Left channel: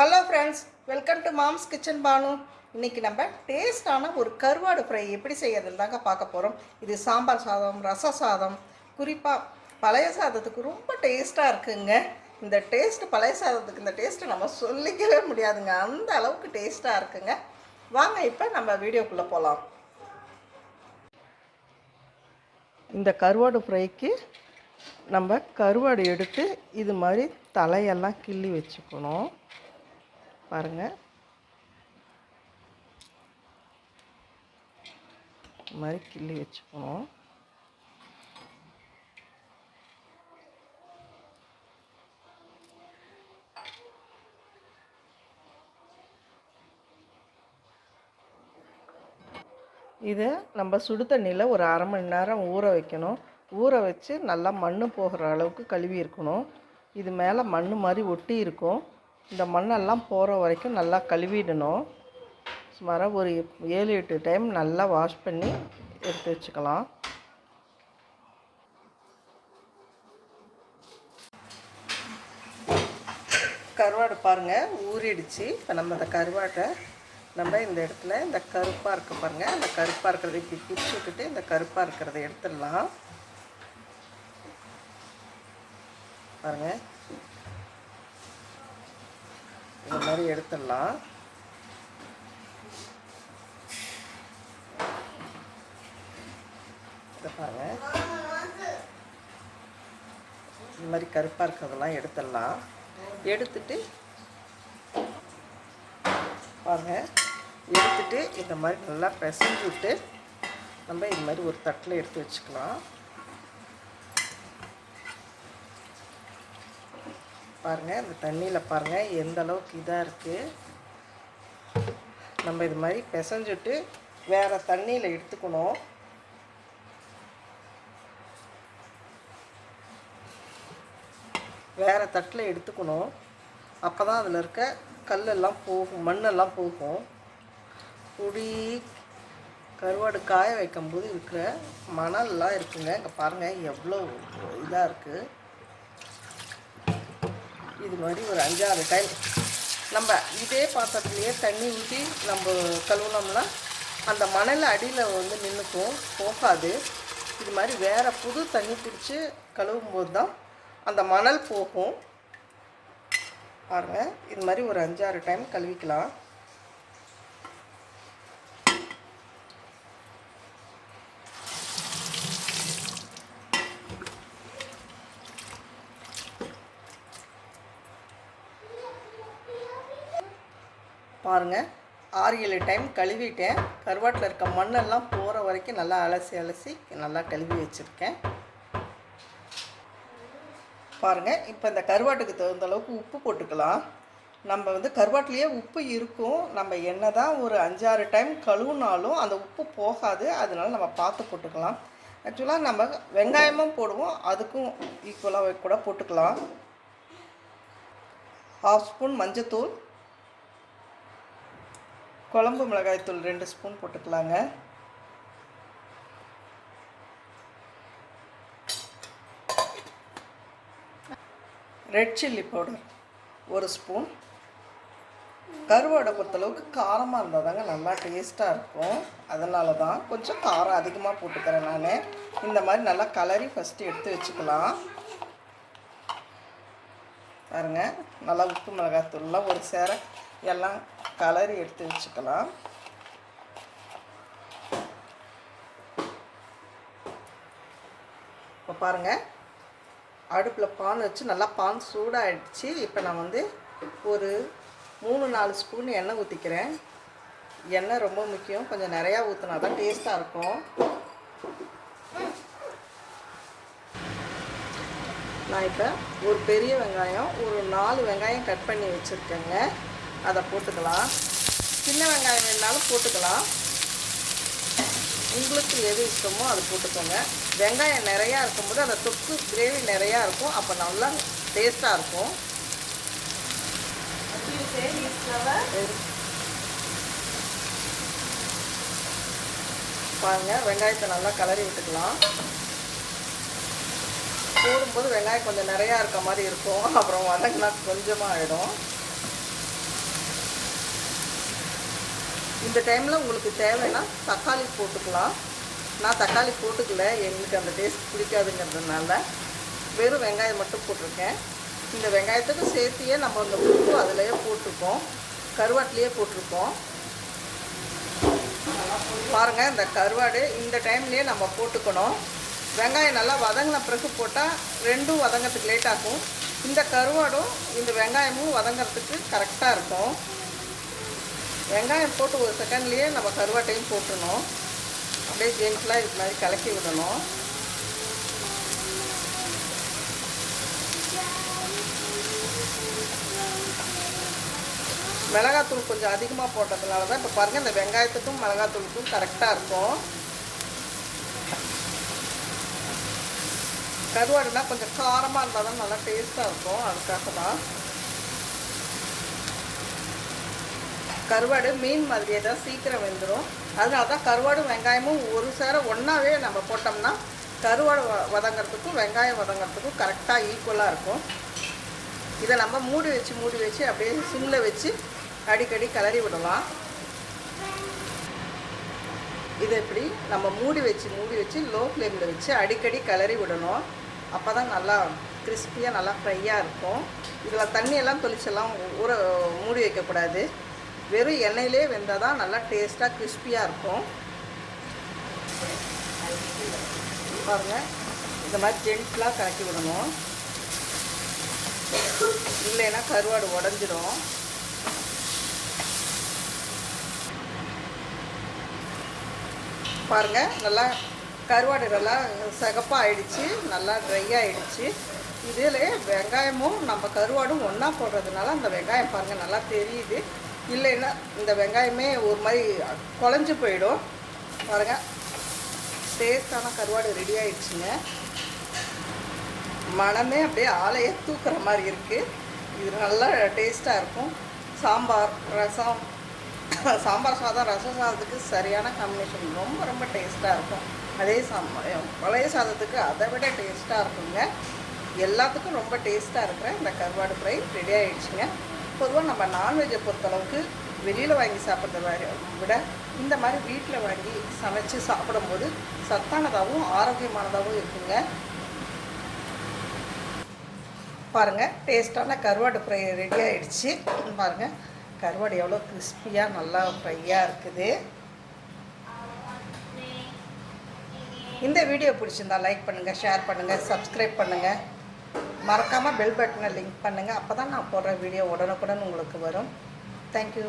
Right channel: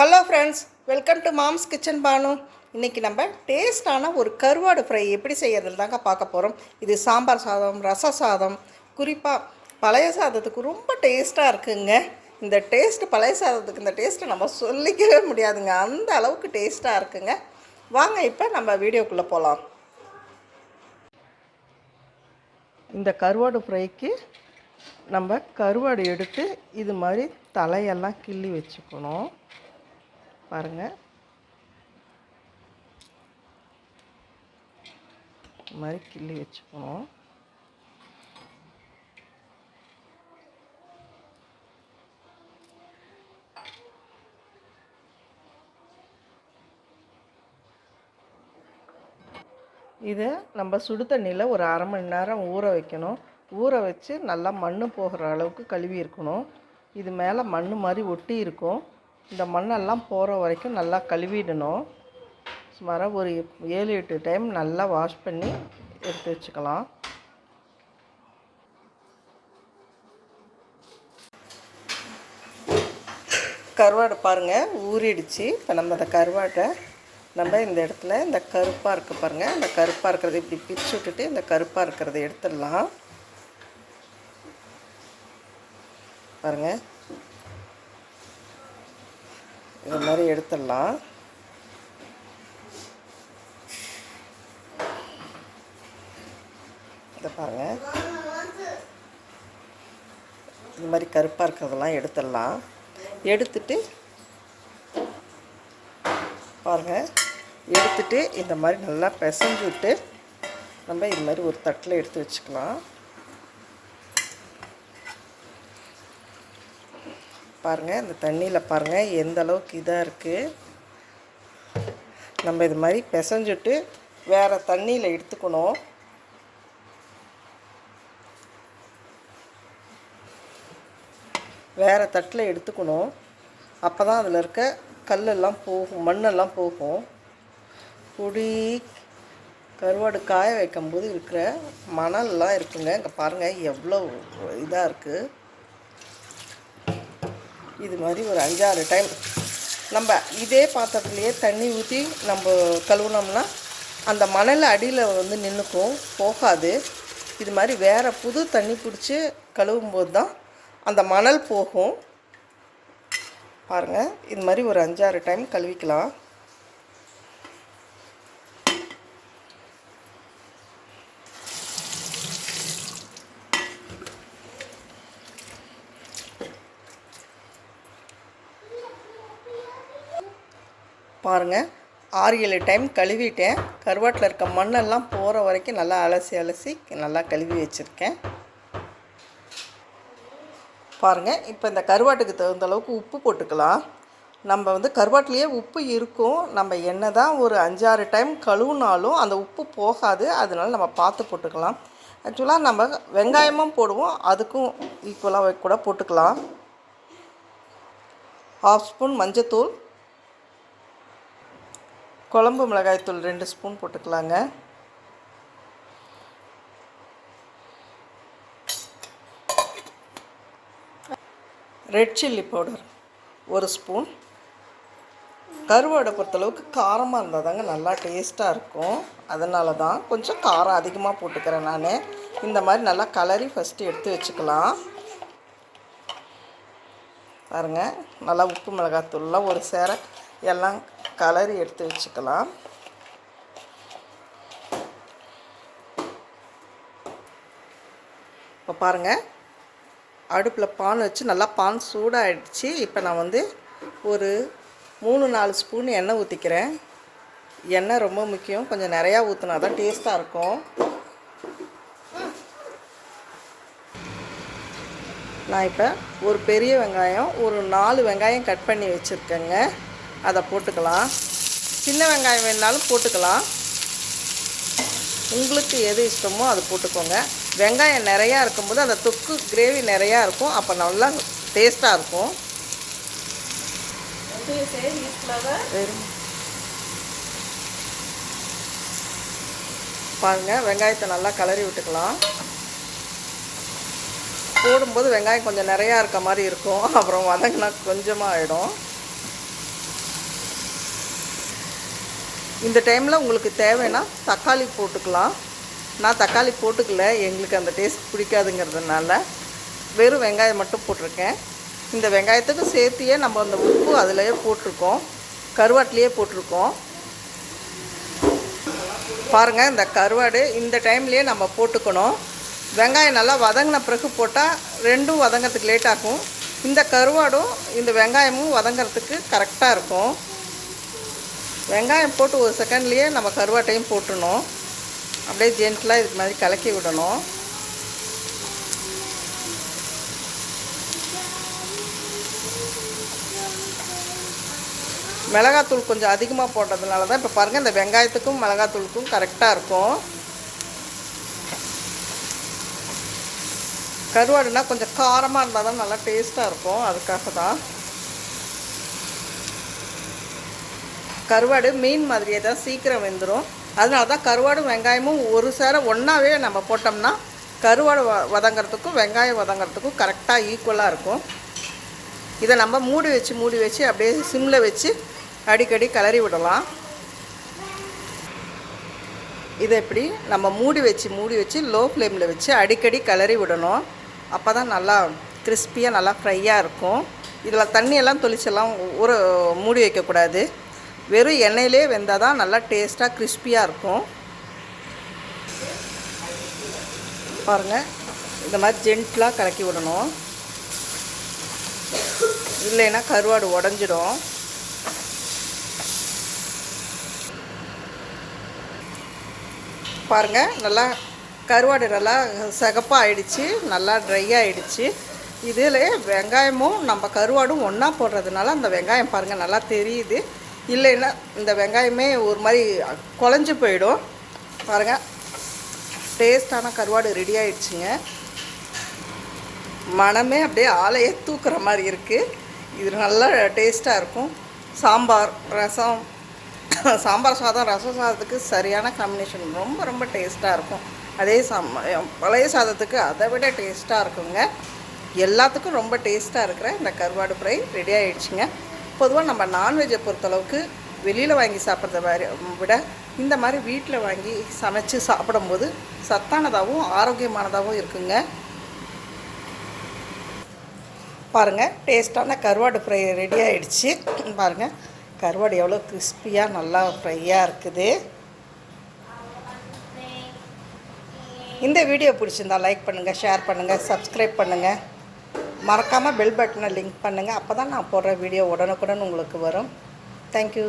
Hello friends welcome to moms kitchen Banu இன்றைக்கி நம்ம டேஸ்டான ஒரு கருவாடு ஃப்ரை எப்படி செய்யறதுன்னு தாங்க பார்க்க போகிறோம் இது சாம்பார் சாதம் ரச சாதம். குறிப்பாக பழைய சாதத்துக்கு ரொம்ப டேஸ்ட்டாக இருக்குங்க. இந்த டேஸ்ட் பழைய சாதத்துக்கு இந்த டேஸ்ட்டை நம்ம சொல்லிக்கவே முடியாதுங்க. அந்த அளவுக்கு டேஸ்ட்டாக இருக்குங்க. வாங்க இப்போ நம்ம வீடியோக்குள்ளே போகலாம் இந்த கருவாடு ஃப்ரைக்கு நம்ம கருவாடு எடுத்து இது மாதிரி தலையெல்லாம் கிள்ளி வச்சுக்கணும். பாருங்கள் இது மாதிரி கிள்ளி வச்சுக்கணும். இதை நம்ம சுடு தண்ணியில் ஒரு அரை மணி நேரம் ஊற வைக்கணும். ஊற வச்சு நல்லா மண் போகிற அளவுக்கு கழுவி இருக்கணும். இது மேலே மண் மாதிரி ஒட்டி இருக்கும். இந்த மண்ணெல்லாம் போகிற வரைக்கும் நல்லா கழுவிடணும். சுமாராக ஒரு ஏழு எட்டு டைம் நல்லா வாஷ் பண்ணி எடுத்து வச்சுக்கலாம். கருவாடு பாருங்கள் ஊறிடுச்சு. இப்போ நம்ம அந்த கருவாட்டை நம்ம இந்த இடத்துல இந்த கருப்பாக இருக்க பாருங்கள் இந்த கருப்பாக இருக்கிறத இப்படி பிரித்து விட்டுட்டு இந்த கருப்பாக இருக்கிறத எடுத்துடலாம். பாருங்கள் இந்த மாதிரி எடுத்துடலாம். இதை பாருங்கள் இந்த மாதிரி கருப்பாக இருக்கிறதெல்லாம் எடுத்துடலாம். எடுத்துட்டு பாருங்கள் எடுத்துட்டு இந்த மாதிரி நல்லா பிசைஞ்சு விட்டு நம்ம இது மாதிரி ஒரு தட்டில் எடுத்து வச்சுக்கலாம். பாருங்கள் இந்த தண்ணியில் பாருங்கள் எந்த அளவுக்கு இதாக இருக்குது நம்ம இது மாதிரி பிசைஞ்சிட்டு வேறு தண்ணியில் எடுத்துக்கணும். வேறு தட்டில் எடுத்துக்கணும். அப்போ தான் அதில் இருக்க கல்லெல்லாம் போகும் மண்ணெல்லாம் போகும். பொடி கருவாடு காய வைக்கும்போது இருக்கிற மணல்லாம் இருக்குங்க. இங்கே பாருங்கள் எவ்வளோ இதாக இருக்குது இது மாதிரி ஒரு அஞ்சாறு டைம் நம்ம இதே பாத்திரத்துலேயே தண்ணி ஊற்றி நம்ம கழுவுனோம்னா அந்த மணல் அடியில் வந்து நின்றுக்கும் போகாது. இது மாதிரி வேறு புது தண்ணி பிடிச்சி கழுவும்போது தான் அந்த மணல் போகும். பாருங்கள் இது மாதிரி ஒரு அஞ்சாறு டைம் கழுவிக்கலாம். பாருங்கள் ஆறு ஏழு டைம் கழுவிட்டேன். கருவாட்டில் இருக்க மண்ணெல்லாம் போகிற வரைக்கும் நல்லா அலசி அலசி நல்லா கழுவி வச்சுருக்கேன். பாருங்கள் இப்போ இந்த கருவாட்டுக்கு தகுந்த அளவுக்கு உப்பு போட்டுக்கலாம். நம்ம வந்து கருவாட்டிலேயே உப்பு இருக்கும். நம்ம என்ன தான் ஒரு அஞ்சாறு டைம் கழுவுனாலும் அந்த உப்பு போகாது. அதனால நம்ம பார்த்து போட்டுக்கலாம். ஆக்சுவலாக நம்ம வெங்காயமும் போடுவோம். அதுக்கும் ஈக்குவலாக கூட போட்டுக்கலாம். ஹாஃப் ஸ்பூன் மஞ்சத்தூள். குழம்பு மிளகாய்த்தூள் ரெண்டு ஸ்பூன் போட்டுக்கலாங்க. ரெட் சில்லி பவுடர் ஒரு ஸ்பூன். கருவாடை பொறுத்தளவுக்கு காரமாக இருந்தால் தாங்க நல்லா டேஸ்ட்டாக இருக்கும். அதனால தான் கொஞ்சம் காரம் அதிகமாக போட்டுக்கிறேன் நான். இந்த மாதிரி நல்லா கலரி ஃபஸ்ட்டு எடுத்து வச்சுக்கலாம். பாருங்கள் நல்லா உப்பு மிளகாத்தூள்லாம் ஒரு சேர எல்லாம் கலரி எடுத்து வச்சுக்கலாம். இப்போ பாருங்கள் அடுப்பில் பான் வச்சு நல்லா பான் சூடாகிடுச்சு இப்போ நான் வந்து ஒரு மூணு நாலு ஸ்பூன் எண்ணெய் ஊற்றிக்கிறேன் எண்ணெய் ரொம்ப முக்கியம். கொஞ்சம் நிறையா ஊற்றினா தான் டேஸ்ட்டாக இருக்கும். நான் இப்போ ஒரு பெரிய வெங்காயம் ஒரு நாலு வெங்காயம் கட் பண்ணி வச்சுருக்கேங்க. அதை போட்டுக்கலாம். சின்ன வெங்காயம் வேணாலும் போட்டுக்கலாம். உங்களுக்கு எது இஷ்டமோ அதை போட்டுக்கோங்க. வெங்காயம் நிறையா இருக்கும்போது அந்த தொக்கு கிரேவி நிறையா இருக்கும். அப்போ நல்லா டேஸ்ட்டாக இருக்கும். பாருங்க வெங்காயத்தை நல்லா கலரி விட்டுக்கலாம். போடும்போது வெங்காயம் கொஞ்சம் நிறையா இருக்க மாதிரி இருக்கும். அப்புறம் வதங்கினா கொஞ்சமாக ஆகிடும் இந்த டைமில் உங்களுக்கு தேவைன்னா தக்காளி போட்டுக்கலாம். நான் தக்காளி போட்டுக்கல. எங்களுக்கு அந்த டேஸ்ட் பிடிக்காதுங்கிறதுனால வெறும் வெங்காயம் மட்டும் போட்டிருக்கேன். இந்த வெங்காயத்துக்கு சேர்த்தியே நம்ம அந்த உப்பு அதிலேயே போட்டிருக்கோம். கருவாட்டிலேயே போட்டிருக்கோம். பாருங்கள் இந்த கருவாடு இந்த டைம்லேயே நம்ம போட்டுக்கணும். வெங்காயம் நல்லா வதங்கின பிறகு போட்டால் ரெண்டும் வதங்கிறதுக்கு லேட் ஆகும். இந்த கருவாடும் இந்த வெங்காயமும் வதங்கிறதுக்கு கரெக்டாக இருக்கும். வெங்காயம் போட்டு ஒரு செகண்ட்லேயே நம்ம கருவாட்டையும் போட்டுடணும். அப்படியே ஜென்டலாக இது மாதிரி கலக்கி விடணும். மிளகாத்தூள் கொஞ்சம் அதிகமாக போட்டதுனால தான் இப்போ பாருங்கள் இந்த வெங்காயத்துக்கும் மிளகாத்தூளுக்கும் கரெக்டாக இருக்கும். கருவாடுனா கொஞ்சம் காரமாக இருந்தால் தான் நல்லா டேஸ்ட்டாக இருக்கும். அதுக்காக தான். கருவாடு மீன் மாதிரியே தான் சீக்கிரம் வெந்துடும் அதனால தான் கருவாடும் வெங்காயமும் ஒரு சேர ஒன்றாவே நம்ம போட்டோம்னா கருவாடு வ வதங்கிறதுக்கும் வெங்காயம் வதங்கிறதுக்கும் கரெக்டாக ஈக்குவலாக இருக்கும். இதை நம்ம மூடி வச்சு மூடி வச்சு அப்படியே சிம்மில் வச்சு அடிக்கடி கிளறி விடலாம். இதை இப்படி நம்ம மூடி வச்சு மூடி வச்சு லோ ஃப்ளேமில் வச்சு அடிக்கடி கிளறி விடணும். அப்போ தான் நல்லா கிறிஸ்பியாக நல்லா ஃப்ரையாக இருக்கும். இதில் தண்ணியெல்லாம் தொளிச்செல்லாம் ஊற மூடி வைக்கக்கூடாது. வெறும் எண்ணெயிலே வெந்தால் தான் நல்லா டேஸ்ட்டாக கிறிஸ்பியாக இருக்கும். பாருங்கள் இந்த மாதிரி ஜென்ட்லாக கலக்கி விடணும். இல்லைன்னா கருவாடு உடஞ்சிடும் பாருங்கள் நல்லா கருவாடு நல்லா சிகப்பாக ஆயிடுச்சு நல்லா ட்ரை ஆகிடுச்சு இதில் வெங்காயமும் நம்ம கருவாடும் ஒன்றா போடுறதுனால அந்த வெங்காயம் பாருங்கள் நல்லா தெரியுது. இல்லைன்னா இந்த வெங்காயமே ஒரு மாதிரி குழஞ்சி போயிடும். பாருங்கள் டேஸ்டான கருவாடு ரெடி ஆயிடுச்சுங்க. மனமே அப்படியே ஆலையே தூக்குற மாதிரி இருக்குது இது நல்லா டேஸ்ட்டாக இருக்கும். சாம்பார் ரசம் சாம்பார் சாதம் ரசம் சாதத்துக்கு சரியான காம்பினேஷன் ரொம்ப ரொம்ப டேஸ்ட்டாக இருக்கும். அதே சாம் பழைய சாதத்துக்கு அதை விட டேஸ்ட்டாக இருக்குங்க. எல்லாத்துக்கும் ரொம்ப டேஸ்ட்டாக இருக்கிற இந்த கருவாடு ஃப்ரை ரெடி ஆகிடுச்சுங்க பொதுவாக நம்ம நான்வெஜ்ஜை பொறுத்தளவுக்கு வெளியில் வாங்கி சாப்பிட்றத மாதிரி விட இந்த மாதிரி வீட்டில் வாங்கி சமைச்சு சாப்பிடும்போது சத்தானதாகவும் ஆரோக்கியமானதாகவும் இருக்குங்க. பாருங்கள் டேஸ்ட்டான கருவாடு ஃப்ரை ரெடி ஆகிடுச்சு பாருங்கள் கருவாடு எவ்வளோ கிறிஸ்பியாக நல்லா ஃப்ரையாக இருக்குது. இந்த வீடியோ பிடிச்சிருந்தா லைக் பண்ணுங்கள் ஷேர் பண்ணுங்கள் சப்ஸ்கிரைப் பண்ணுங்கள் மறக்காமல் பெல் பட்டனை லிங்க் பண்ணுங்கள் அப்போ தான் நான் போடுற வீடியோ உடனுக்குடன் உங்களுக்கு வரும். தேங்க்யூ